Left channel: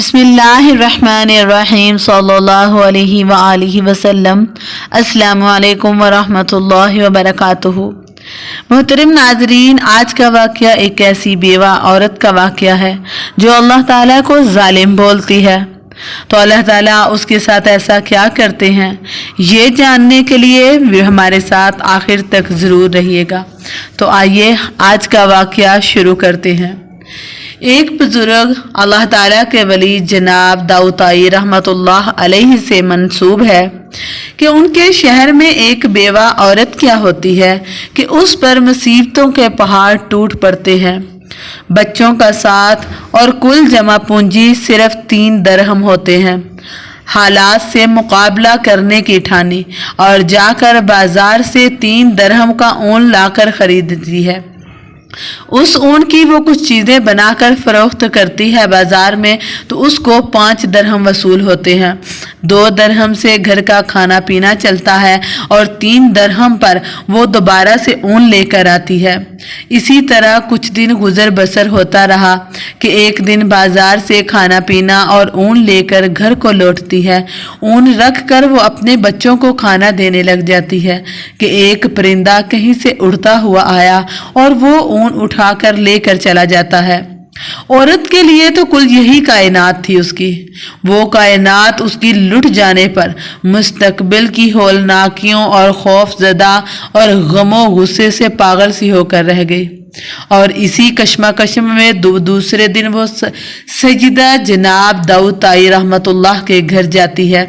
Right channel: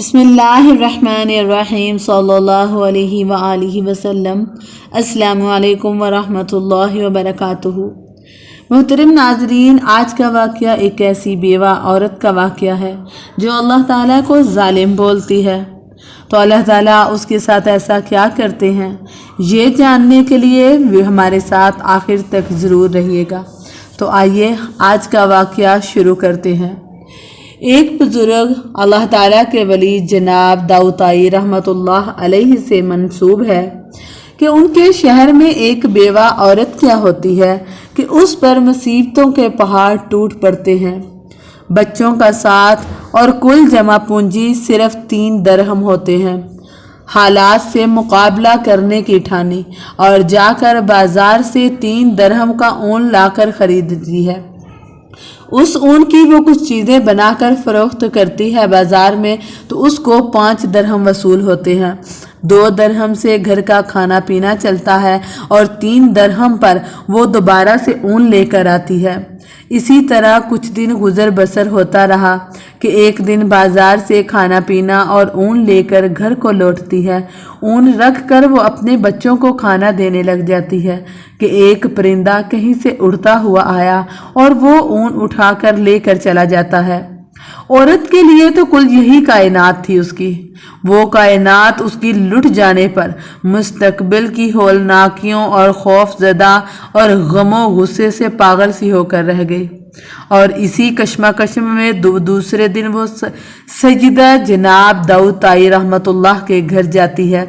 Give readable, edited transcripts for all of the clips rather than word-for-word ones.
बिस्मिल्लाहिर्रहमानिर्रहीम सल्लल्लाहु अलैहि व आलिहि वसल्लम। अस्सलामु अलैकुम व रहमतुल्लाहि व बरकातुहू। मोहतरम नाजरीन, आज का वाक़या एक ऐसी बेवा औरत का वाक़या है जो अल्लाह ताला को जालिम बोलती है। तो अल्लाह ताला उसके साथ ऐसा क्या करते हैं, ये जानने के लिए हमारे साथ आखिर तक ज़रूर रहिएगा। तो आइए आज का वाक़या शुरू करते हैं। एक बुजुर्ग अल्लाह ताला के वली जनाब दाऊद रहमतुल्लाह अलैहि से मंसूब है कि उनके शहर में एक बेवा औरत क्या होती है कि उस पर मुसीबतों के पहाड़ टूट पड़ते हैं। बच्चों का साथ और कुल जमा पूंजी सिर्फ 3 दरहम होते हैं। हालात से मुकाबला करने की ठानी और जाकर बाजार से 3 दरहम का ऊन लाकर खरीदती है। उस ऊन की वो कुछ चीज़ें बनाकर फरोख्त करती है बाजार में, तो उसको 5 दरहम वसूल होते हैं। 2 दरहम से घर का खाना पीना चलता है और 3 दरहम पर वो दोबारा से ऊन लेकर आती है। इसी तरह कुछ दिन गुजर बसर होता रहा कि एक दिन बाजार से खाना पीना और ऊन लेकर घर को लौटती है। ऊन रख कर वो अपने बच्चों को खाना देने लग जाती है कि एक परिंदा कहीं से उड़ता हुआ आया और वो ऊन उठाकर लेकर चला जाता है। औरत के लिए तो कुल यही कायनात थी उसकी। वो कायनात उसकी लुट जाने पर मुस्तकबिल की हौलनाकियों और खौफजदा और गमो गुस्से से पागल सी होकर रह गई। और इसी कशमकश में दूसरे दिन वो सैयदा जनाब दाऊद रहमतुल्लाह के घर जाती है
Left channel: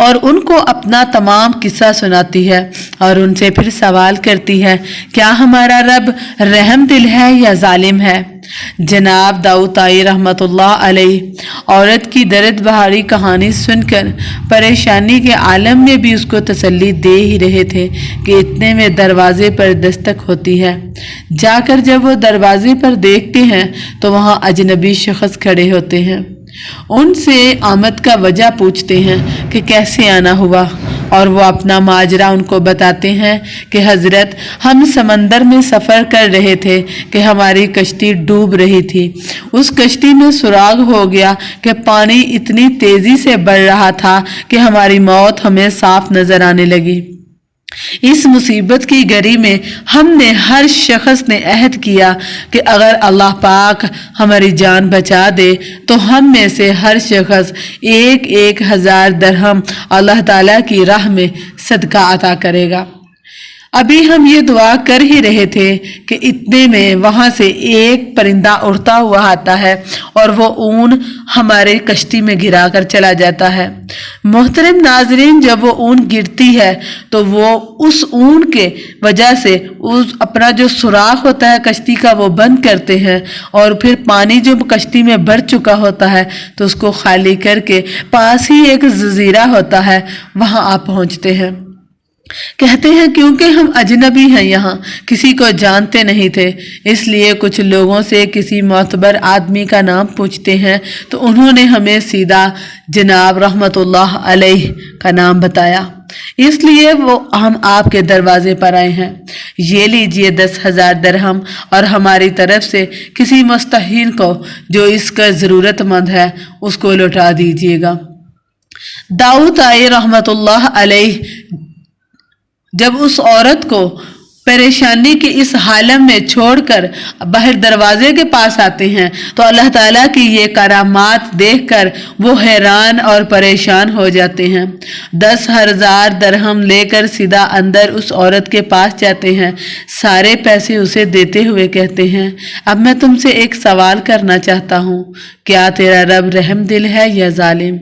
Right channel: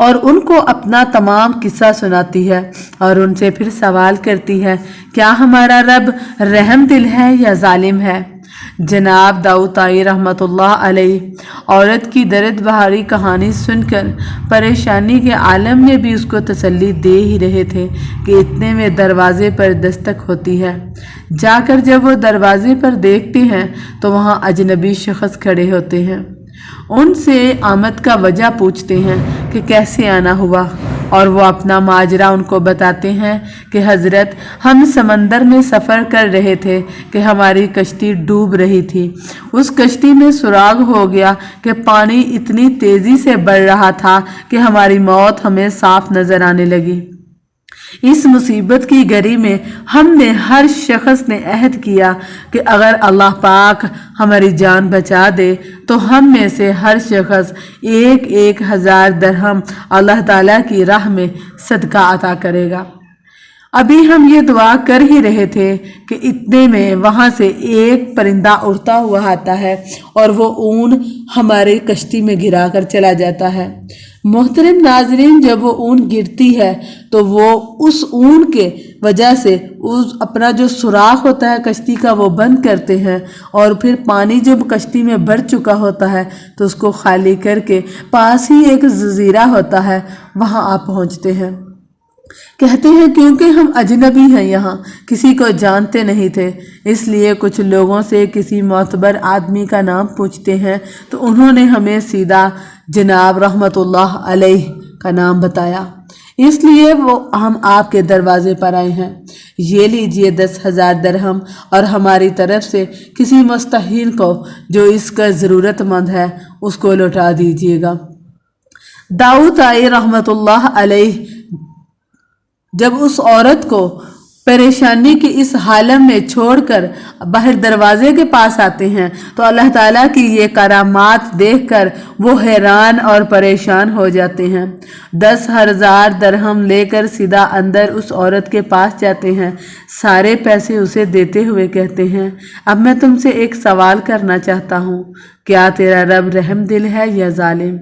और उनको अपना तमाम किस्सा सुनाती है और उनसे फिर सवाल करती है, क्या हमारा रब रहम दिल है या जालिम है। जनाब दाऊद रहमतुल्लाह अलैहि औरत की दर्द बहारी कहानी सुनकर परेशानी के आलम में भी उसको तसल्ली दे ही रहे थे कि इतने में दरवाजे पर दस्तक होती है। जाकर जब वो दरवाजे पर देखते हैं तो वहाँ अजनबी शख्स खड़े होते हैं। उनसे आमद का वजह पूछते हैं कि कैसे आना हुआ और वो अपना माजरा उनको बताते हैं कि हज़रत, हम समंदर में सफ़र कर रहे थे कि हमारी कश्ती डूब रही थी। उस कश्ती में सुराग हो गया कि पानी इतनी तेज़ी से बढ़ रहा था कि हमारी मौत हमें साफ नज़र आने लगी। इस मुसीबत की घड़ी में हमने हर शख्स ने अहद किया कि अगर अल्लाह पाक हमारी जान बचा दे तो हम में से हर शख्स 1,000 दरहम अल्लाह ताला की राह में सदका अता करेगा। अभी हम ये दुआ कर ही रहे थे कि इतने में वहाँ से एक परिंदा उड़ता हुआ आता है और वो ऊन हमारे कश्ती में गिरा कर चला जाता है। मोहतरम नाजरीन, जब वो ऊन गिरती है तो वो उस ऊन के वजह से उस अपना जो सुराख होता है कश्ती का वो बंद करते हैं और फिर पानी जो कश्ती में भर चुका होता है तो उसको खाली करके पास ही एक जजीरा होता है, वहाँ आप पहुँचते हैं। कहते हैं क्योंकि हम अजनबी हैं, यहाँ किसी को जानते नहीं थे, इसलिए कुछ लोगों से किसी मोतबर आदमी का नाम पूछते हैं तो उन्होंने हमें सीधा जनाब रहमतुल्लाह अलैहि का नाम बताया, इसलिए वो हम आपके दरवाजे पर आए हैं। ये लीजिए 10,000 दरहम और हमारी तरफ से किसी मुस्तहीन को जो इसका ज़रूरतमंद है उसको लौटा दीजिएगा। दाऊद रहमतुल्लाह अलैहि जब उस औरत को परेशानी की इस हालत में छोड़कर बाहर दरवाजे के पास आते हैं तो अल्लाह ताला की ये करामात देखकर वो हैरान और परेशान हो जाते हैं। 10,000 दरहम लेकर सीधा अंदर उस औरत के पास जाते हैं। सारे पैसे उसे देते हुए कहते हैं, अब मैं तुमसे एक सवाल करना चाहता हूँ, क्या तेरा रब रहम दिल है या जालिम।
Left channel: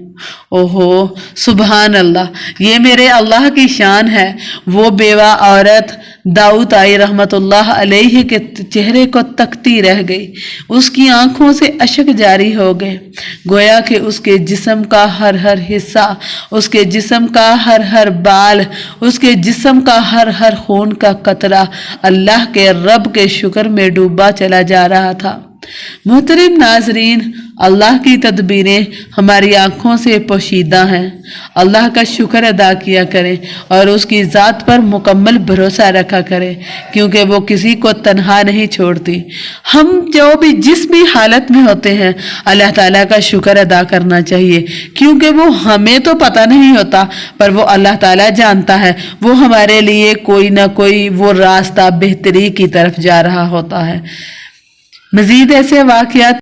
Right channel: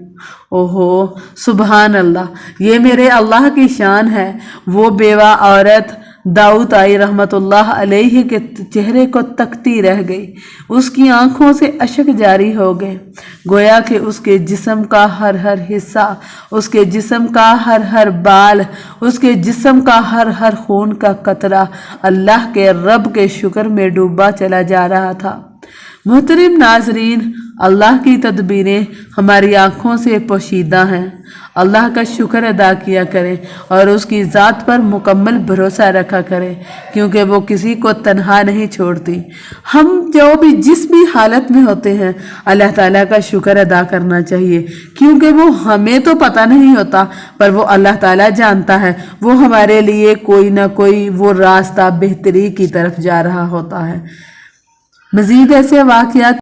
ओहो सुबहान अल्लाह, ये मेरे अल्लाह की शान है। वो बेवा औरत दाऊद रहमतुल्लाह अलैहि के चेहरे को तकती रह गई। उसकी आंखों से अश्क जारी हो गए, गोया कि उसके जिस्म का हर हर हिस्सा, उसके जिस्म का हर हर बाल, उसके जिस्म का हर हर खून का कतरा अल्लाह के रब के शुक्र में डूबा चला जा रहा था। मोहतरम नाजरीन, اللہ की तदबीरें हमारी आँखों से पोशीदा हैं। अल्लाह का शुक्र अदा किया करें और उसकी ज़ात पर मुकम्मल भरोसा रखा करें, क्योंकि वो किसी को तन्हा नहीं छोड़ती। हम जिस भी हालत में होते हैं अल्लाह ताला का शुक्र अदा करना चाहिए, क्योंकि वो हमें तो पता नहीं होता पर वो अल्लाह ताला जानता है। वो हमारे लिए कोई ना कोई वो रास्ता बेहतरी की तरफ जा रहा होता है। मज़ीद ऐसे वाक़यात